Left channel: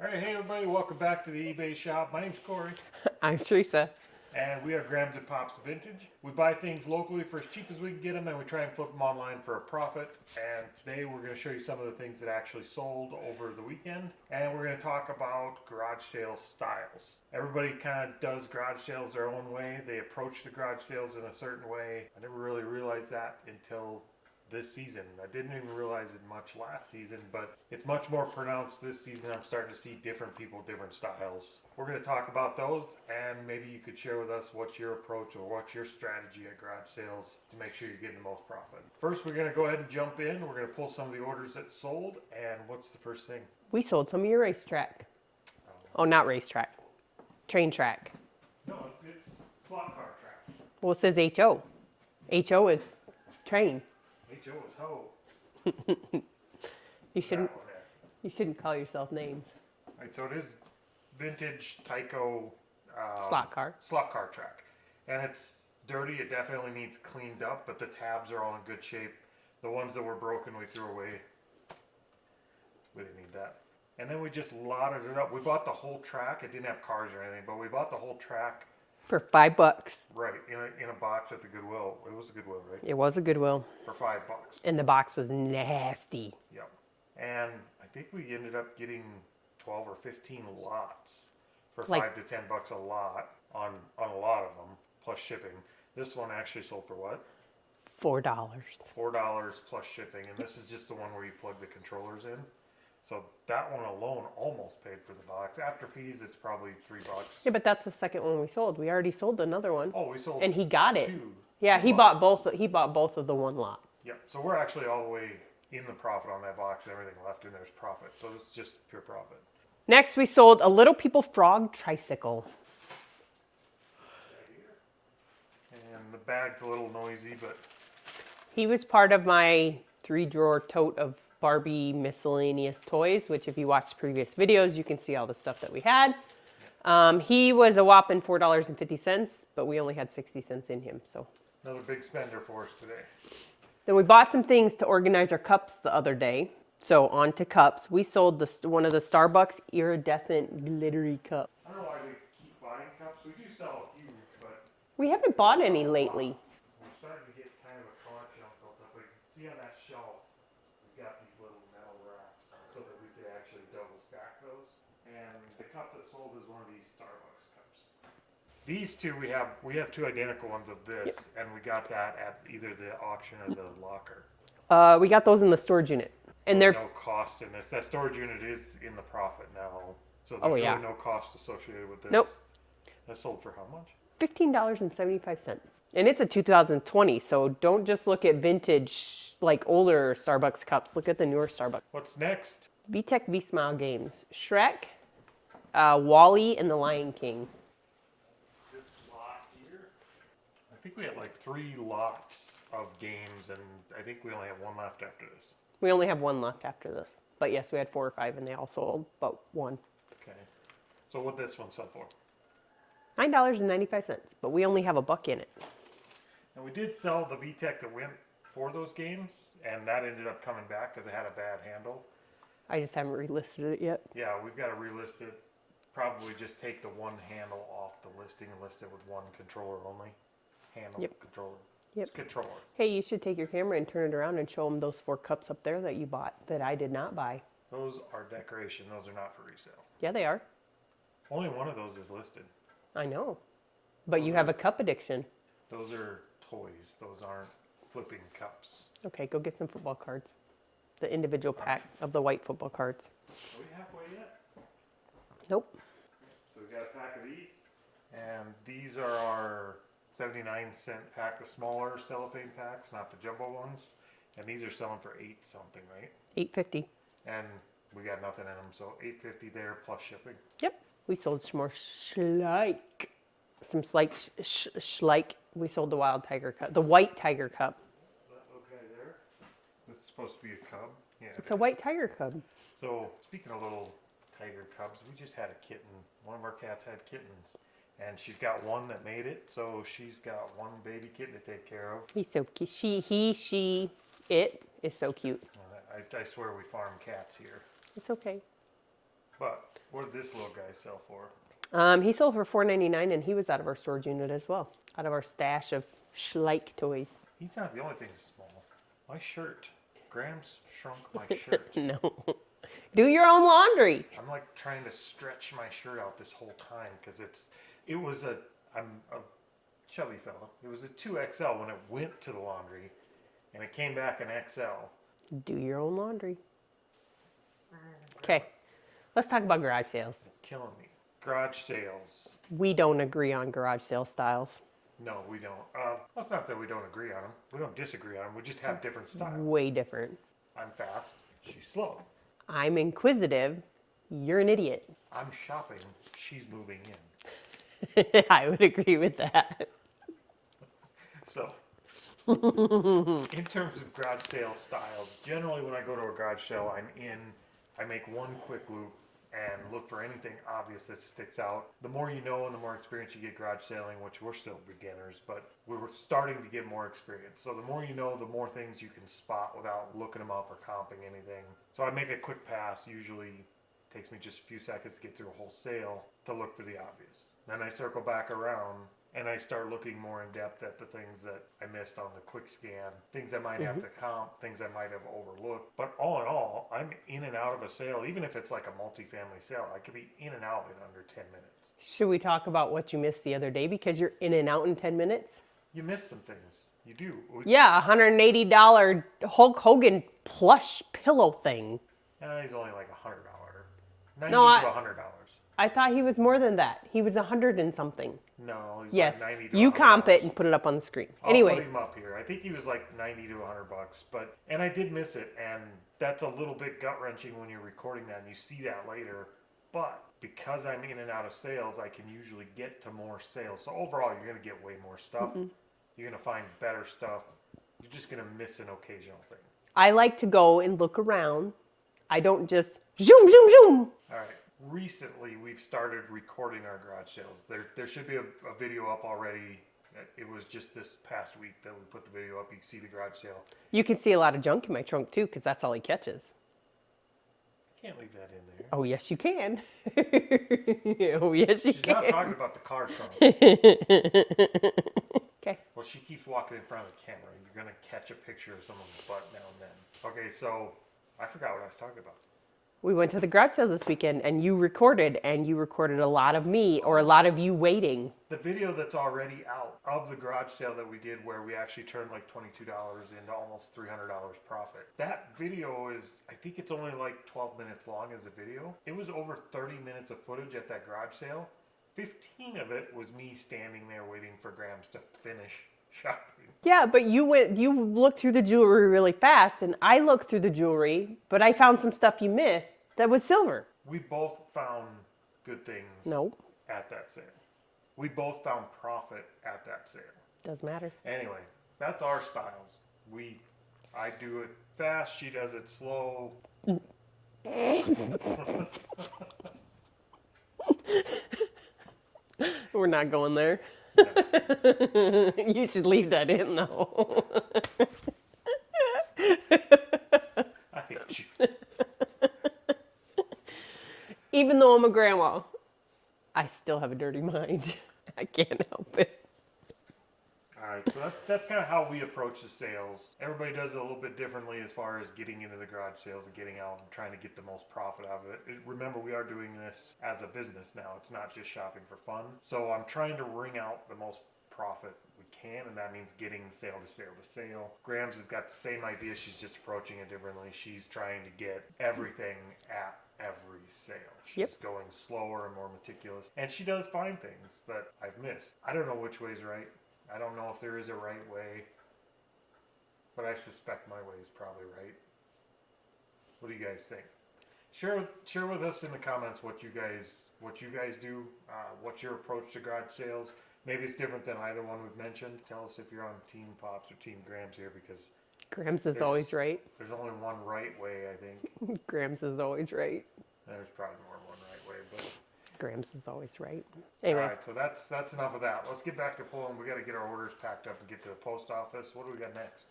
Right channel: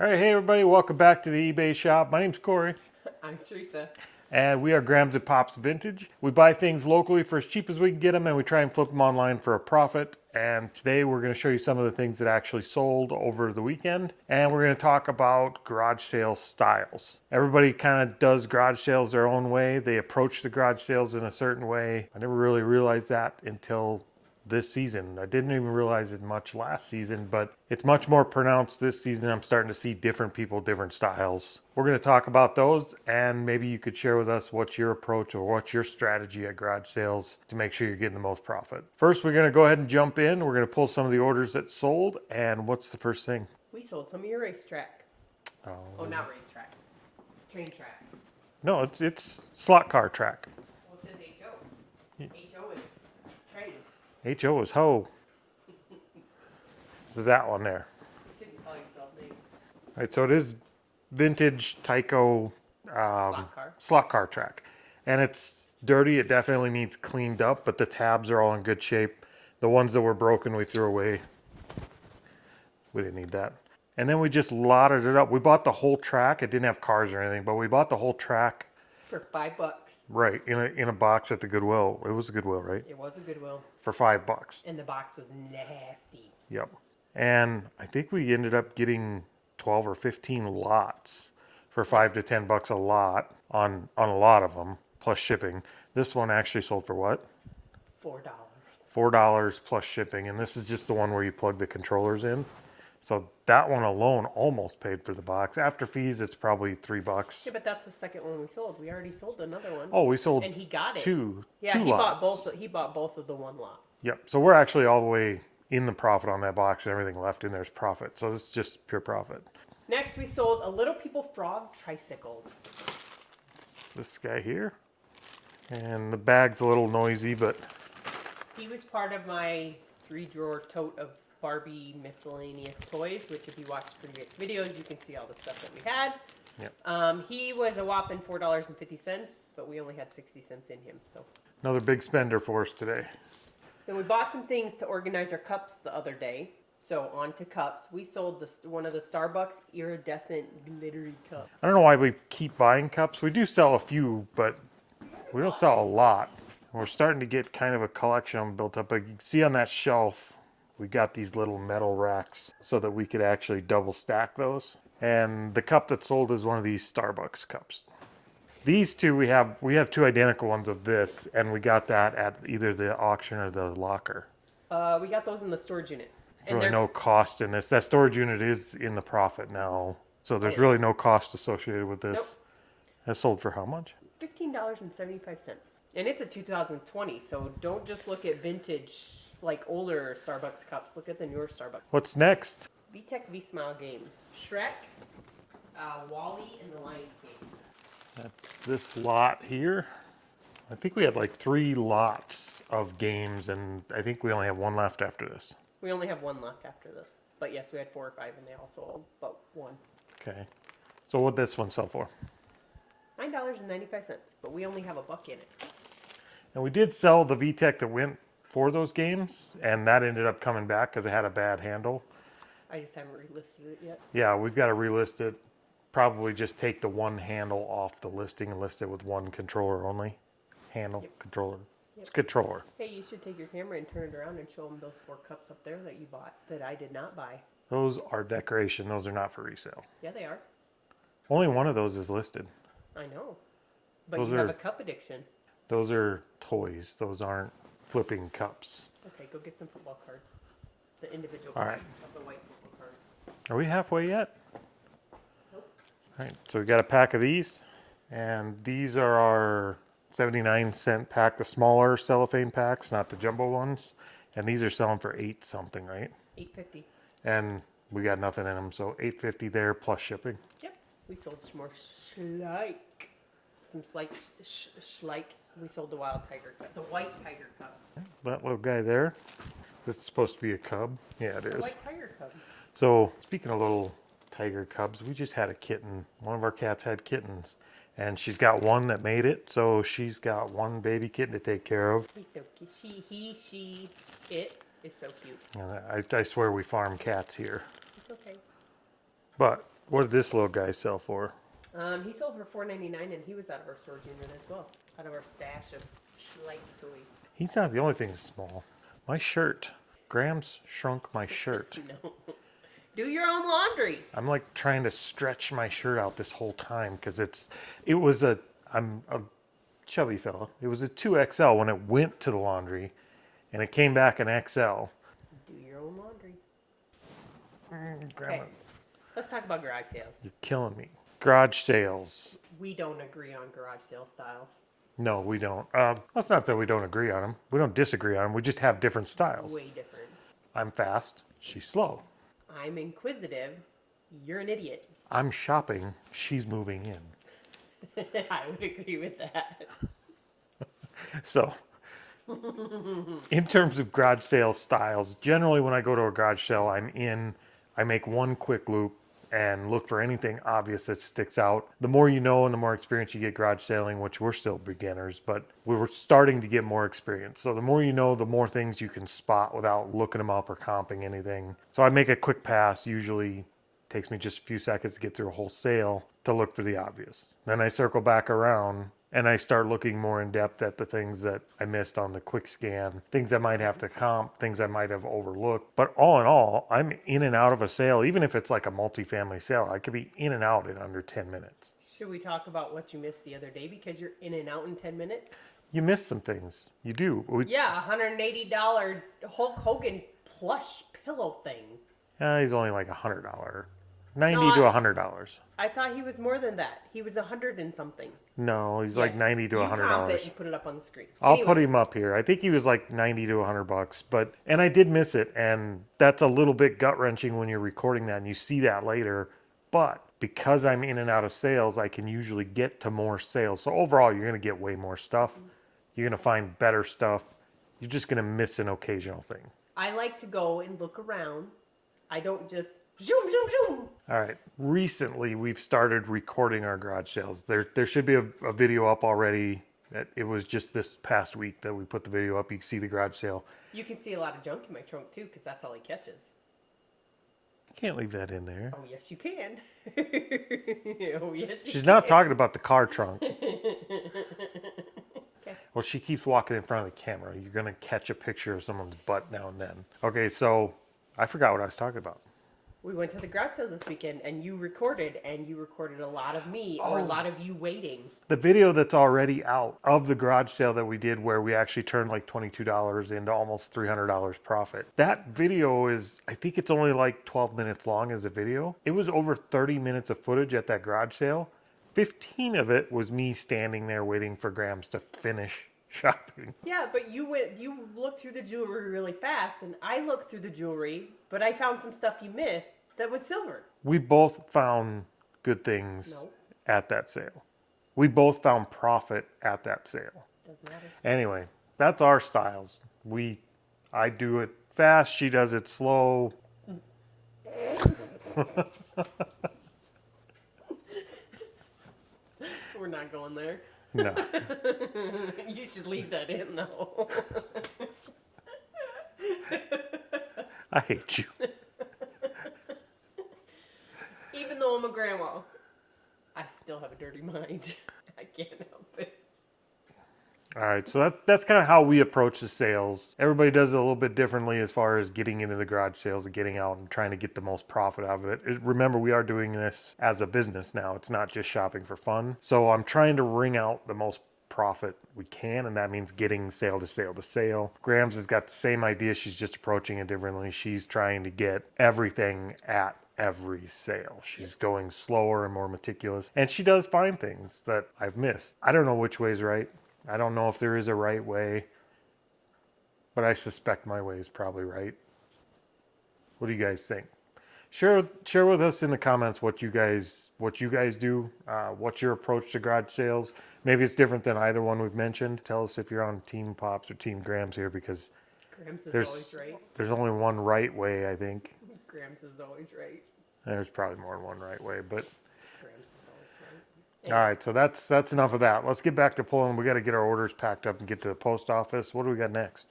All right, hey everybody, welcome back to the eBay shop. My name's Corey, I'm Teresa. and we are Grams and Pops Vintage. We buy things locally for as cheap as we can get them, and we try and flip them online for a profit. And today we're going to show you some of the things that actually sold over the weekend, and we're going to talk about garage sale styles. Everybody kind of does garage sales their own way. They approach the garage sales in a certain way. I never really realized that until this season. I didn't even realize it much last season, but it's much more pronounced this season. I'm starting to see different people, different styles. We're going to talk about those, and maybe you could share with us what's your approach or what's your strategy at garage sales to make sure you're getting the most profit. First, we're going to go ahead and jump in. We're going to pull some of the orders that sold, and what's the first thing? We sold some of your racetrack. Oh, not racetrack. Train track. No, it's slot car track. Well, it says HO. HO is train. HO is hoe. So that one there. You shouldn't call yourself names. All right, so it is vintage Tyco slot car track, and it's dirty. It definitely needs cleaned up, but the tabs are all in good shape. The ones that were broken we threw away. We didn't need that. And then we just lotted it up. We bought the whole track. It didn't have cars or anything, but we bought the whole track For $5. right in a box at the Goodwill. It was a Goodwill, right? It was a Goodwill. For $5. And the box was nasty. Yep. And I think we ended up getting 12 or 15 lots for $5 to $10 a lot on a lot of them, plus shipping. This one actually sold for what? $4. $4 plus shipping. And this is just the one where you plug the controllers in. So that one alone almost paid for the box. After fees, it's probably $3. Yeah, but that's the second one we sold. We already sold another one. Oh, we sold and he got it. two. Yeah, two he lots. bought both. He bought both of the one lot. Yep. So we're actually all the way in the profit on that box. And everything left in there is profit. So this is just pure profit. Next, we sold a Little People Frog tricycle. It's this guy here. And the bag's a little noisy, but He was part of my 3-drawer tote of Barbie miscellaneous toys, which if you watch previous videos, you can see all the stuff that we had. yep. He was a whopping $4.50, but we only had 60 cents in him. So Another big spender for us today. then we bought some things to organize our cups the other day. So on to cups. We sold one of the Starbucks iridescent glittery cup. I don't know why we keep buying cups. We do sell a few, but We haven't we don't bought sell any a lot. lately. We're starting to get kind of a collection built up. But you can see on that shelf, we got these little metal racks so that we could actually double stack those. And the cup that sold is one of these Starbucks cups. These two, we have two identical ones of this, and we got that at either the auction or the locker. We got those in the storage unit. And there's no cost in this. That storage unit is in the profit now. So there's really no cost associated with this. Nope. That sold for how much? $15.75. And it's a 2020, so don't just look at vintage, like older Starbucks cups. Look at the newer Starbucks. What's next? VTech V-Smile games. Shrek, Wall-E, and the Lion King. That's this lot here. I think we had like 3 lots of games, and I think we only have one left after this. We only have one left after this. But yes, we had 4 or 5, and they all sold but one. Okay. So what'd this one sell for? $9.95, but we only have $1 in it. And we did sell the VTech that went for those games, and that ended up coming back because it had a bad handle. I just haven't relisted it yet. Yeah, we've got to relist it. Probably just take the one handle off the listing and list it with one controller only. Handle, controller. Yep. It's controller. Hey, you should take your camera and turn it around and show them those 4 cups up there that you bought that I did not buy. Those are decoration. Those are not for resale. Yeah, they are. Only one of those is listed. I know. But Those you have are- a cup addiction. Those are toys. Those aren't flipping cups. Okay, go get some football cards. The individual All pack of the white football cards. Are we halfway yet? Nope. All right, so we got a pack of these, and these are our 79-cent pack, the smaller cellophane packs, not the jumbo ones. And these are selling for $8 something, right? $8.50. And we got nothing in them, so $8.50 there plus shipping. Yep. We sold some more Schleich. Some Schleich. We sold the wild tiger cup. The white tiger cup. That little guy there. This is supposed to be a cub. Yeah, it is. The white tiger cub. So speaking of little tiger cubs, we just had a kitten. One of our cats had kittens, and she's got one that made it, so she's got one baby kitten to take care of. He's so cute. It is so cute. And I swear we farm cats here. It's okay. But What did this little guy sell for? He sold for $4.99, and he was out of our storage unit as well, out of our stash of Schleich toys. He's not the only thing that's small. My shirt. Graham's shrunk my shirt. No. Do your own laundry. I'm like trying to stretch my shirt out this whole time because I'm a chubby fella. It was a 2XL when it went to the laundry and it came back an XL. Do your own laundry. Okay, let's talk about garage sales. You're killing me. Garage sales. We don't agree on garage sale styles. No, we don't. It's not that we don't agree on them. We don't disagree on them. We just have different styles. Way different. I'm fast. She's slow. I'm inquisitive. You're an idiot. I'm shopping. She's moving in. I would agree with that. So, in terms of garage sale styles, generally when I go to a garage sale, I make one quick loop and look for anything obvious that sticks out. The more you know and the more experience you get garage sailing, which we're still beginners, but we were starting to get more experience. So the more you know, the more things you can spot without looking them up or comping anything. So I make a quick pass, usually takes me just a few seconds to get through a whole sale to look for the obvious. Then I circle back around and I start looking more in depth at the things that I missed on the quick scan, things I might have to comp, things I might have overlooked. But all in all, I'm in and out of a sale. Even if it's like a multifamily sale, I could be in and out in under 10 minutes. Should we talk about what you missed the other day because you're in and out in 10 minutes? You miss some things. You do. Yeah, $180 Hulk Hogan plush pillow thing. He's only like $100. $90 to $100. I thought he was more than that. He was 100 and something. No, he's Yes. like $90 to $100. You comp it and put it up on the screen. I'll Anyways, put him up here. I think he was like $90 to $100, and I did miss it, and that's a little bit gut wrenching when you're recording that and you see that later. But because I'm in and out of sales, I can usually get to more sales. So overall, you're going to get way more stuff. You're going to find better stuff. You're just going to miss an occasional thing. I like to go and look around. I don't just zoom, zoom, zoom. All right. Recently, we've started recording our garage sales. There should be a video up already. It was just this past week that we put the video up. You can see the garage sale. You can see a lot of junk in my trunk too, because that's all he catches. You can't leave that in there. Oh, yes, you can. Oh, yes, you She's can. not talking about the car trunk. Okay. Well, she keeps walking in front of the camera. You're going to catch a picture of someone's butt now and then. Okay, so I forgot what I was talking about. We went to the garage sales this weekend, and you recorded a lot of me or a lot of you waiting. The video that's already out of the garage sale that we did where we actually turned like $22 into almost $300 profit. That video is, I think it's only like 12 minutes long as a video. It was over 30 minutes of footage at that garage sale. 15 of it was me standing there waiting for Grams to finish shopping. Yeah, but you looked through the jewelry really fast, and I looked through the jewelry, but I found some stuff you missed that was silver. We both found good things at that sale. We both found profit at that sale. Doesn't matter. Anyway, that's our styles. I do it fast, she does it slow. We're not going there. No. You should leave that in, though. I hate you. Even though I'm a grandma, I still have a dirty mind. I can't help it. All right, so that's kind of how we approach the sales. Everybody does it a little bit differently as far as getting into the garage sales and getting out and trying to get the most profit out of it. Remember, we are doing this as a business now. It's not just shopping for fun. So I'm trying to wring out the most profit we can, and that means getting sale to sale to sale. Grams has got the same idea. She's just approaching it differently. She's trying to get everything at every sale. She's going slower and more meticulous, and she does find things that I've missed. I don't know which way is right. I don't know if there is a right way, but I suspect my way is probably right. What do you guys think? Share with us in the comments what you guys do. What's your approach to garage sales? Maybe it's different than either one we've mentioned. Tell us if you're on Team Pops or Team Grams here, because Grams is always right. There's only one right way, I think. Grams is always right. There's probably more than one right way, but Grams is always right. All right, so that's enough of that. Let's get back to pulling. We got to get our orders packed up and get to the post office. What do we got next?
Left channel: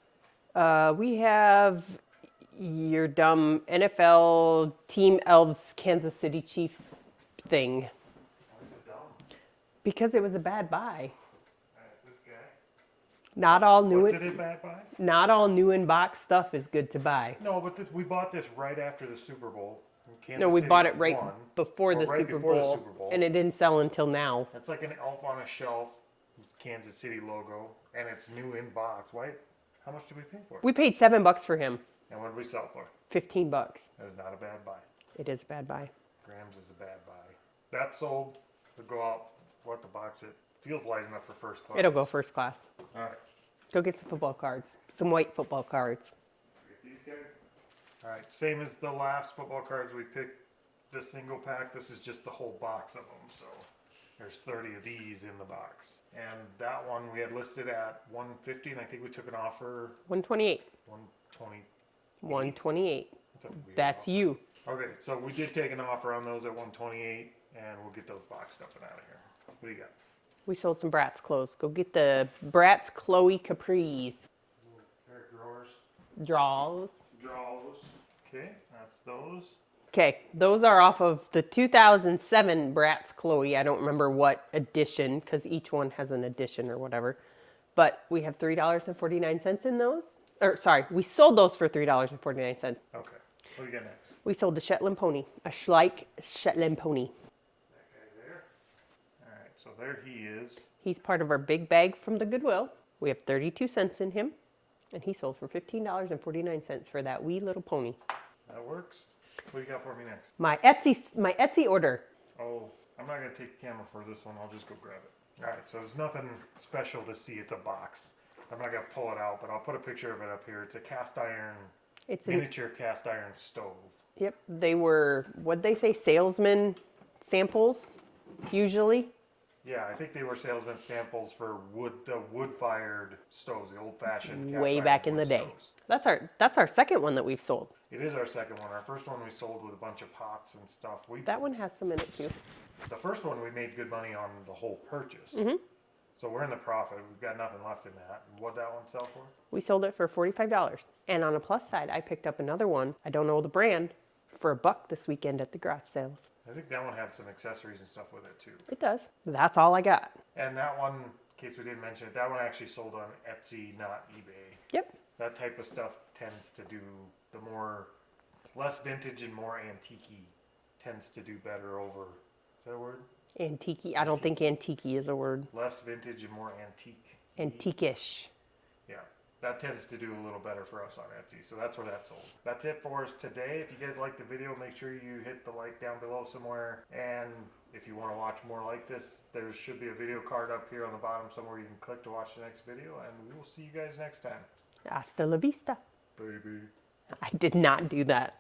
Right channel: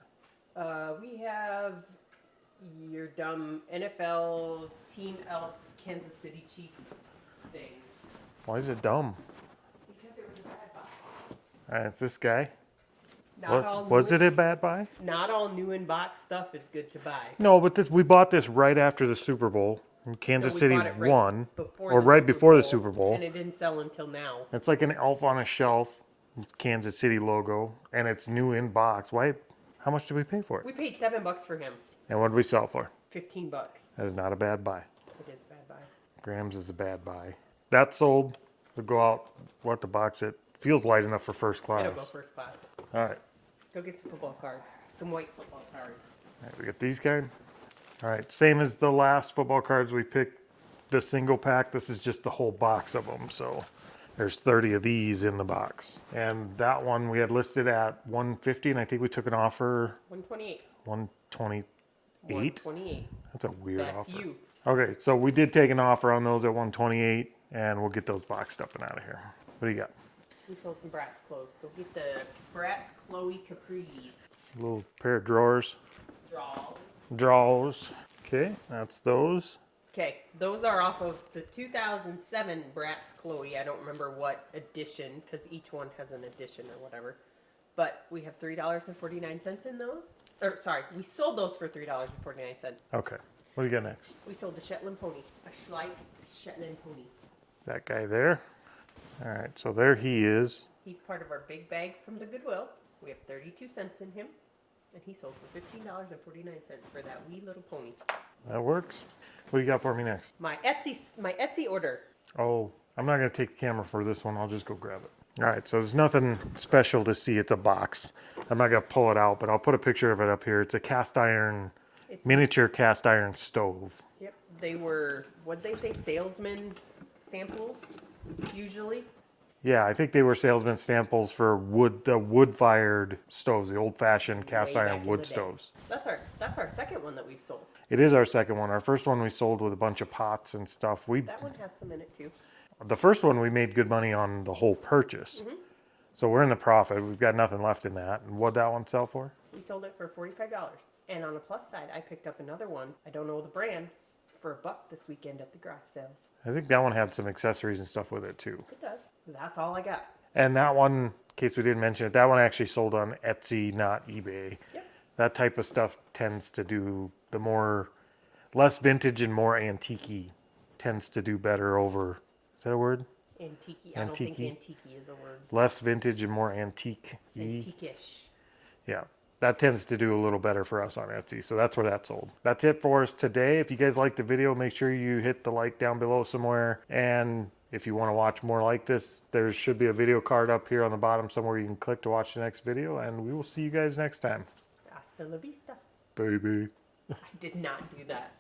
We have your dumb NFL Team Elves Kansas City Chiefs thing Why is it dumb? because it was a bad buy. All right, it's this guy. Not all new. Was it a bad buy? Not all new in box stuff is good to buy. No, but we bought this right after the Super Bowl. And Kansas No, we City bought it right won. before or the right Super before the Bowl, Super Bowl. and it didn't sell until now. It's like an elf on a shelf, Kansas City logo, and it's new in box. Why? How much did we pay for it? We paid $7 for him. And what did we sell for? $15. That is not a bad buy. It is a bad buy. Grams is a bad buy. That sold. We'll go out. We'll have to box it. Feels light enough for first class. It'll go first class. All right. Go get some football cards. Some white football cards. All right, we got these guys. All right, same as the last football cards we picked. The single pack. This is just the whole box of them. So there's 30 of these in the box. And that one we had listed at $150, and I think we took an offer $128. $128. $128. That's a weird That's offer. you. Okay, so we did take an offer on those at $128, and we'll get those boxed up and out of here. What do you got? We sold some Bratz clothes. Go get the Bratz Chloe Capris. A little pair of drawers. Draws. Okay, that's those. Okay, those are off of the 2007 Bratz Chloe. I don't remember what edition, because each one has an edition or whatever. But we have $3.49 in those. Or, sorry, we sold those for $3.49. Okay, what do you got next? We sold the Shetland pony, a Schleich Shetland pony. Is that guy there? All right, so there he is. He's part of our big bag from the Goodwill. We have 32 cents in him, and he sold for $15.49 for that wee little pony. That works. What do you got for me next? My Etsy order. Oh, I'm not going to take the camera for this one. I'll just go grab it. All right, so there's nothing special to see. It's a box. I'm not going to pull it out, but I'll put a picture of it up here. It's a cast iron, miniature cast iron stove. Yep, they were, what'd they say, salesman samples, usually. Yeah, I think they were salesman samples for the wood-fired stoves, the old-fashioned cast Way iron back in wood the day. stoves. That's our second one that we've sold. It is our second one. Our first one we sold with a bunch of pots and stuff. That one has some in it too. The first one we made good money on the whole purchase. Mm-hmm. So we're in the profit. We've got nothing left in that. And what'd that one sell for? We sold it for $45. And on a plus side, I picked up another one. I don't know the brand, for $1 this weekend at the garage sales. I think that one had some accessories and stuff with it too. It does. That's all I got. And that one, in case we didn't mention it, that one actually sold on Etsy, not eBay. Yep. That type of stuff tends to do less vintage and more antique tends to do better over, is that a word? Antique. I don't think antique is a word. Less vintage and more antique. Antique-ish. Yeah. That tends to do a little better for us on Etsy. So that's where that sold. That's it for us today. If you guys liked the video, make sure you hit the like down below somewhere. And if you want to watch more like this, there should be a video card up here on the bottom somewhere you can click to watch the next video. And we will see you guys next time. Hasta la vista. Baby. I did not do that.